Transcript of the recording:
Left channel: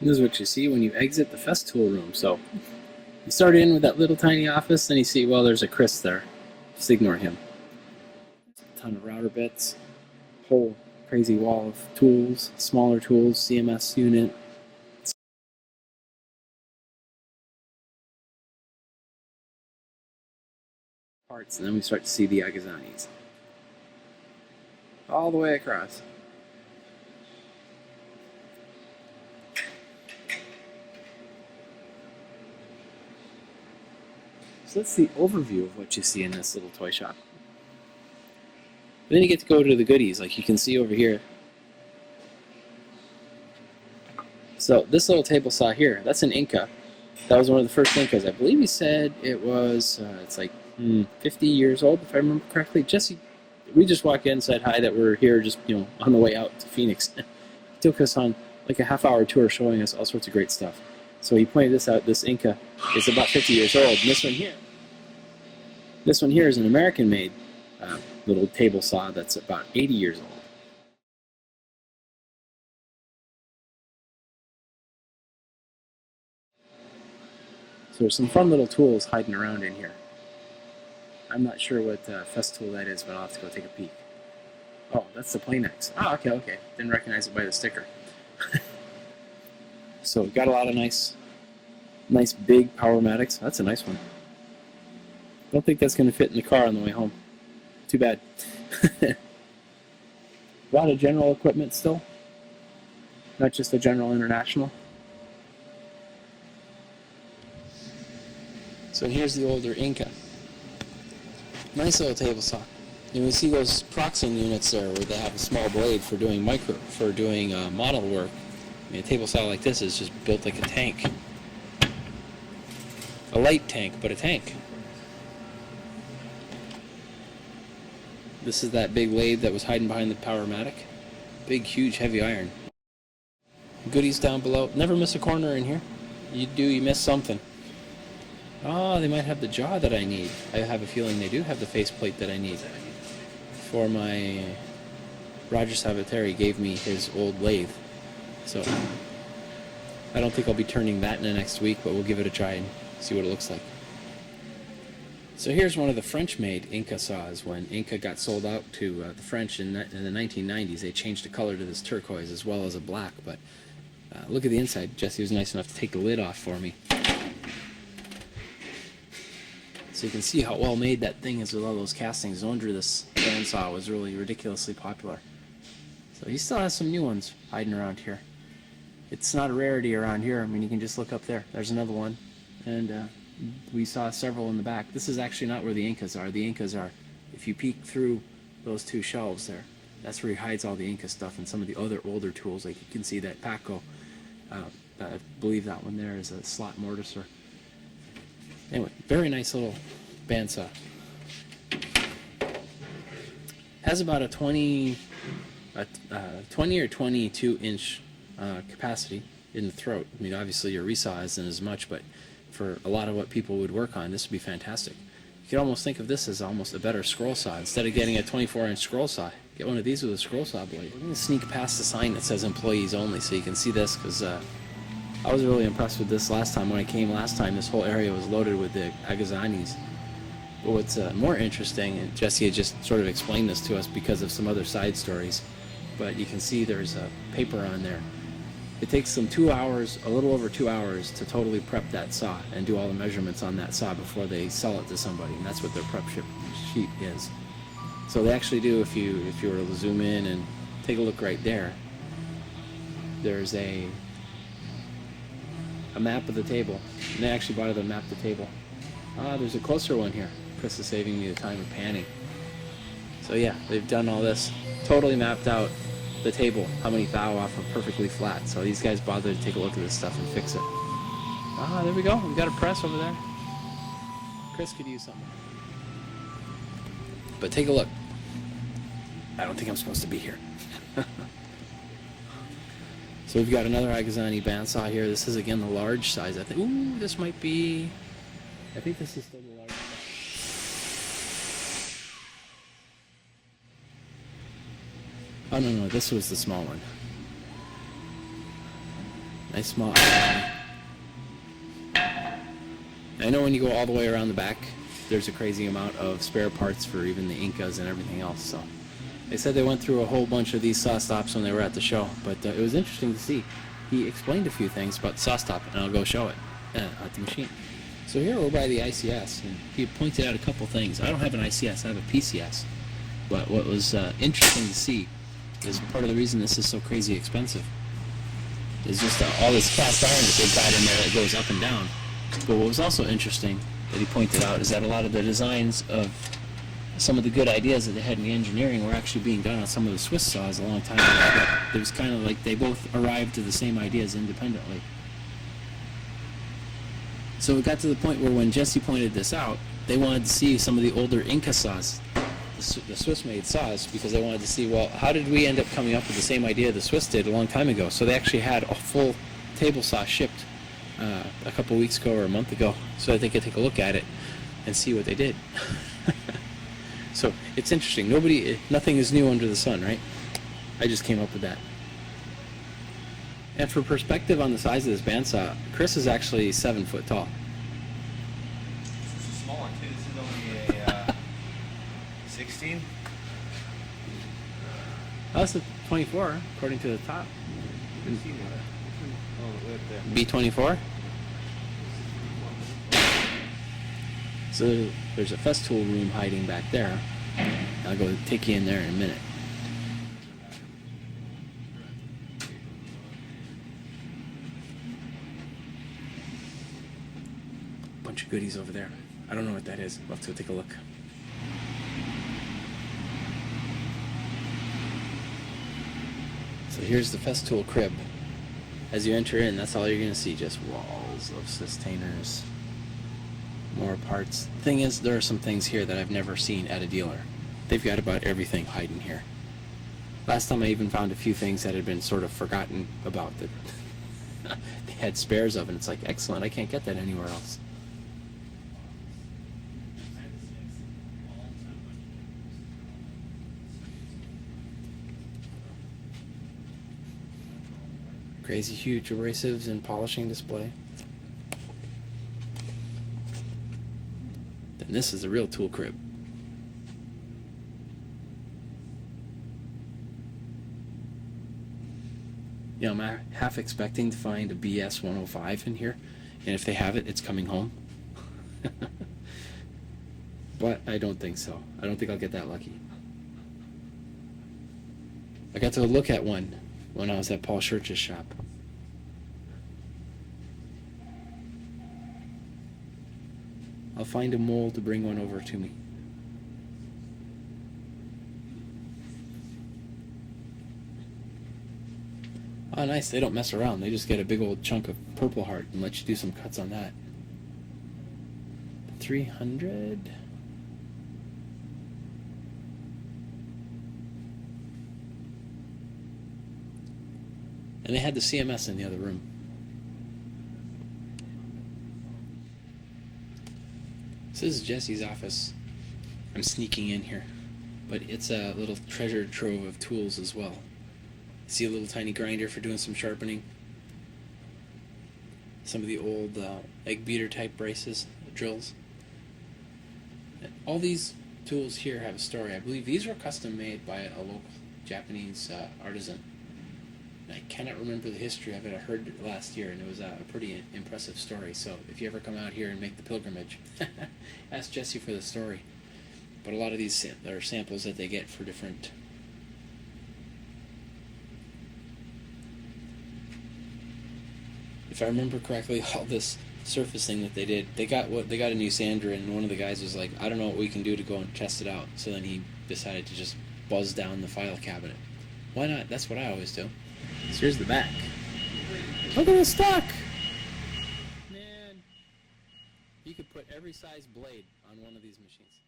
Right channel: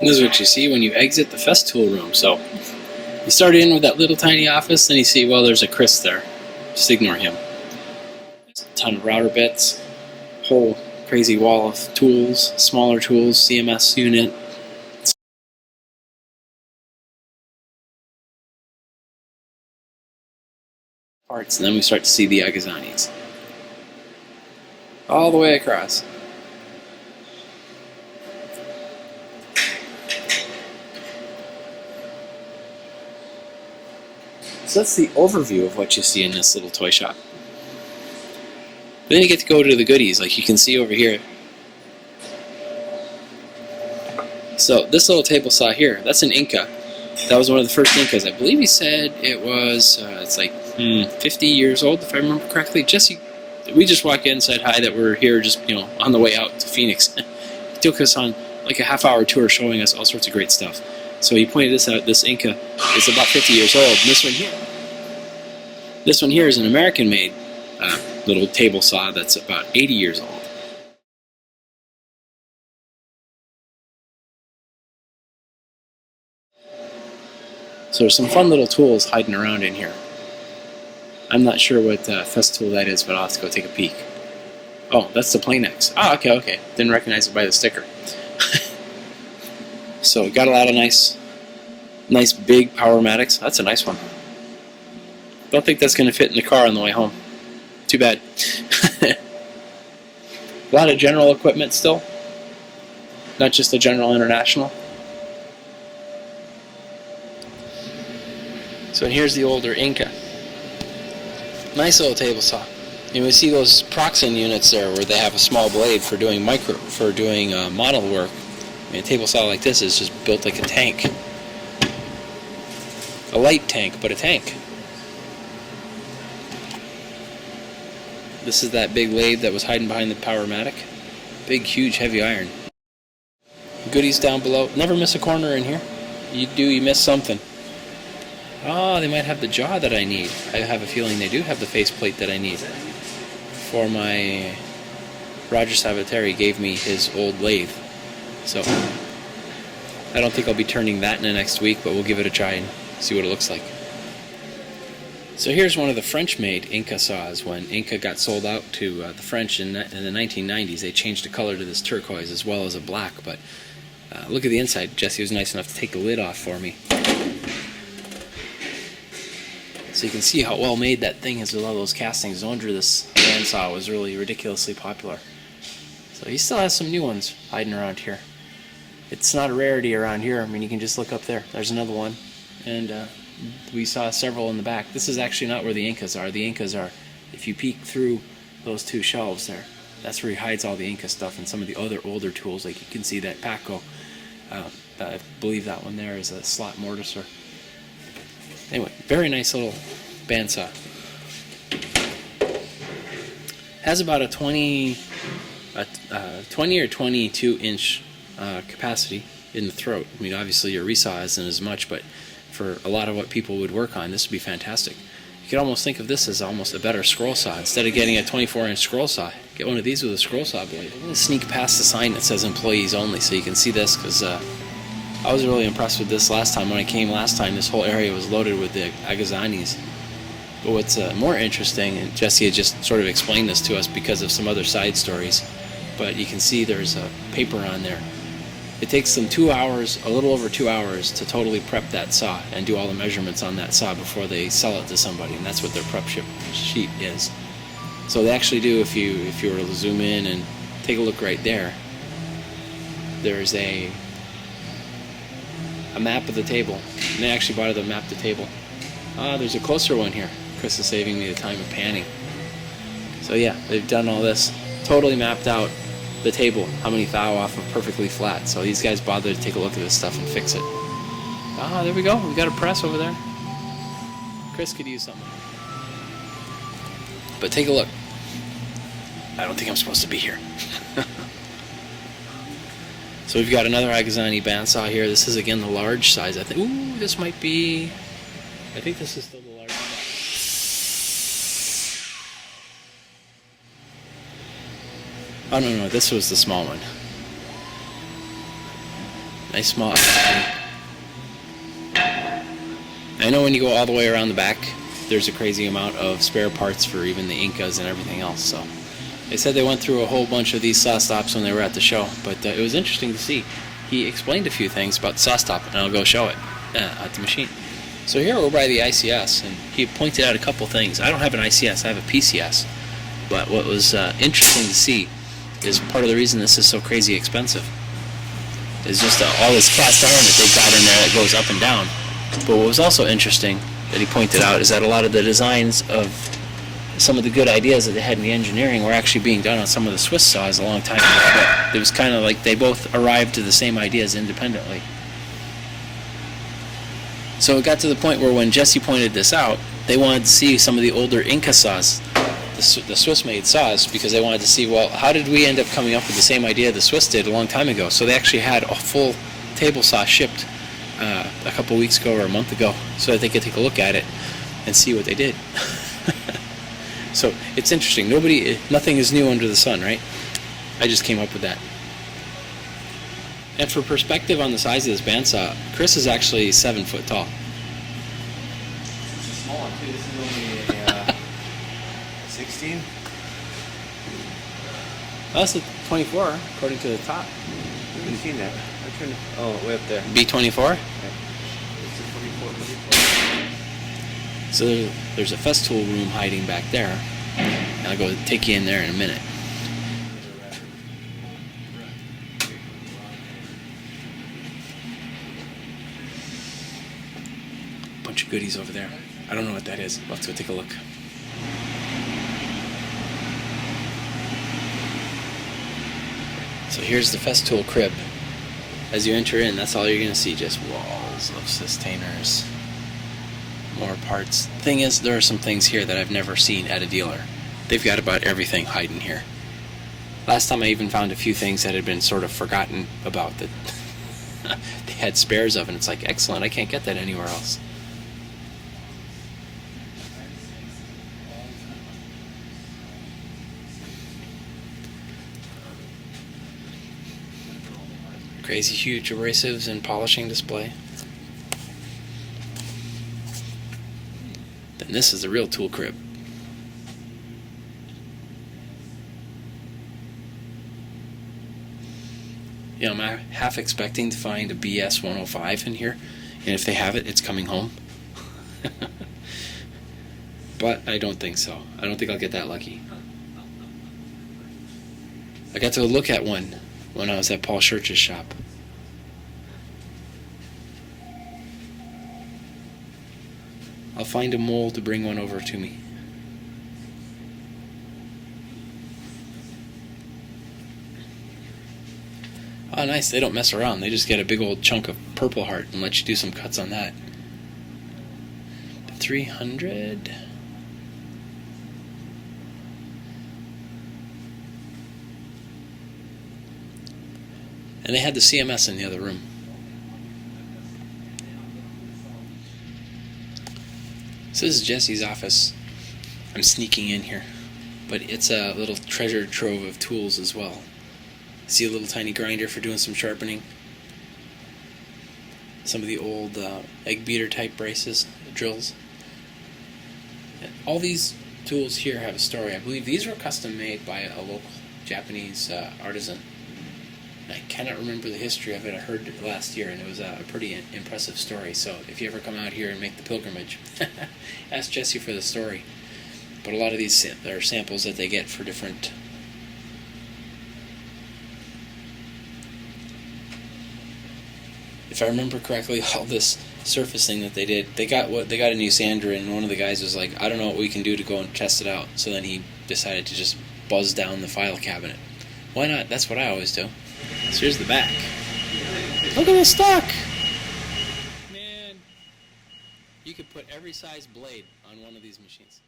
This is what you see when you exit the Festool room. So you start in with that little tiny office, and you see, well, there's a Chris there. Just ignore him. There's a ton of router bits, whole crazy wall of tools, smaller tools, CMS unit. Parts, and then we start to see the Agazzanis. All the way across. So that's the overview of what you see in this little toy shop. Then you get to go to the goodies, like you can see over here. So this little table saw here, that's an Inca. That was one of the first Incas. I believe he said it was, it's like 50 years old, if I remember correctly. Jesse, we just walked in and said hi, that we're here just, on the way out to Phoenix. He took us on like a half-hour tour showing us all sorts of great stuff. So he pointed this out. This Inca is about 50 years old. And this one here is an American-made little table saw that's about 80 years old. So there's some fun little tools hiding around in here. I'm not sure what Festool that is, but I'll have to go take a peek. Oh, that's the Planex. Oh, okay. Didn't recognize it by the sticker. So got a lot of nice big Powermatics. That's a nice one. Don't think that's going to fit in the car on the way home. Too bad. A lot of general equipment still. Not just the General International. So here's the older Inca. Nice little table saw. You can see those Proxen units there where they have a small blade for doing model work. I mean, a table saw like this is just built like a tank. A light tank, but a tank. This is that big lathe that was hiding behind the Powermatic. Big, huge, heavy iron. Goodies down below. Never miss a corner in here. You miss something. Oh, they might have the jaw that I need. I have a feeling they do have the faceplate that I need. For my... Roger Savateri gave me his old lathe. So, I don't think I'll be turning that in the next week, but we'll give it a try and see what it looks like. So here's one of the French-made Inca saws. When Inca got sold out to the French in the 1990s, they changed the color to this turquoise as well as a black, but look at the inside. Jesse was nice enough to take the lid off for me. So you can see how well made that thing is with all those castings. No wonder this bandsaw was really ridiculously popular. So he still has some new ones hiding around here. It's not a rarity around here. I mean, you can just look up there. There's another one. And we saw several in the back. This is actually not where the Incas are. The Incas are, if you peek through those two shelves there, that's where he hides all the Inca stuff and some of the other older tools. Like you can see that Paco. I believe that one there is a slot mortiser. Anyway, very nice little bandsaw. Has about a 20 or 22 inch capacity in the throat. I mean, obviously your resaw isn't as much, but for a lot of what people would work on, this would be fantastic. You could almost think of this as almost a better scroll saw. Instead of getting a 24-inch scroll saw, get one of these with a scroll saw blade. I'm going to sneak past the sign that says employees only so you can see this, because I was really impressed with this last time. When I came last time, this whole area was loaded with the Agazzanis. But what's more interesting, and Jesse had just sort of explained this to us because of some other side stories, but you can see there's a paper on there. It takes them 2 hours, a little over 2 hours, to totally prep that saw and do all the measurements on that saw before they sell it to somebody, and that's what their prep sheet is. So they actually do, if you were to zoom in and take a look right there, there's a map of the table. And they actually bought it to map the table. There's a closer one here. Chris is saving me the time of panning. So yeah, they've done all this. Totally mapped out the table, how many thou off of perfectly flat. So these guys bothered to take a look at this stuff and fix it. There we go. We've got a press over there. Chris could use something. But take a look. I don't think I'm supposed to be here. So we've got another Agazzani bandsaw here. This is again the large size. I think. Ooh, this might be. I think this is still the large size. Oh no, this was the small one. Nice small Agazzani. I know when you go all the way around the back, there's a crazy amount of spare parts for even the Incas and everything else. So they said they went through a whole bunch of these saw stops when they were at the show, but it was interesting to see. He explained a few things about the saw stop, and I'll go show it at the machine. So here we're by the ICS, and he pointed out a couple things. I don't have an ICS, I have a PCS. But what was interesting to see is part of the reason this is so crazy expensive is just all this cast iron that they got in there that goes up and down. But what was also interesting that he pointed out is that a lot of the designs of some of the good ideas that they had in the engineering were actually being done on some of the Swiss saws a long time ago. But it was kind of like they both arrived to the same ideas independently. So it got to the point where when Jesse pointed this out, they wanted to see some of the older Inca saws, the Swiss-made saws, because they wanted to see, well, how did we end up coming up with the same idea the Swiss did a long time ago? So they actually had a full table saw shipped a couple weeks ago or a month ago so that they could take a look at it and see what they did. So it's interesting. Nothing is new under the sun, right? I just came up with that. And for perspective on the size of this bandsaw, Chris is actually 7 foot tall. This is a small one too. This is only a 16. That's a 24 according to the top. I haven't seen that. I turned. Oh, way up there. B24? Okay. This is 24. So there's a Festool room hiding back there. I'll go take you in there in a minute. Bunch of goodies over there. I don't know what that is. Let's go take a look. So here's the Festool crib. As you enter in, that's all you're going to see, just walls of sustainers. More parts. Thing is, there are some things here that I've never seen at a dealer. They've got about everything hiding here. Last time I even found a few things that had been sort of forgotten about that they had spares of, and it's like, excellent, I can't get that anywhere else. Crazy huge abrasives and polishing display. Then this is the real tool crib. You know, I'm half expecting to find a BS 105 in here, and if they have it, it's coming home. But I don't think so. I don't think I'll get that lucky. I got to look at one when I was at Paul Schurch's shop. I'll find a mole to bring one over to me. Oh, nice. They don't mess around. They just get a big old chunk of Purple Heart and let you do some cuts on that. 300. And they had the CMS in the other room. So this is Jesse's office. I'm sneaking in here, but it's a little treasure trove of tools as well. See a little tiny grinder for doing some sharpening. Some of the old egg beater type braces, drills. And all these tools here have a story. I believe these were custom made by a local Japanese artisan. I cannot remember the history of it. I heard it last year, and it was a pretty impressive story. So if you ever come out here and make the pilgrimage, ask Jesse for the story. But a lot of these are samples that they get for different. If I remember correctly, all this surfacing that they did, they got a new sander, and one of the guys was like, "I don't know what we can do to go and test it out." So then he decided to just buzz down the file cabinet. Why not? That's what I always do. So here's the back. Look at this stock! Man, you could put every size blade on one of these machines.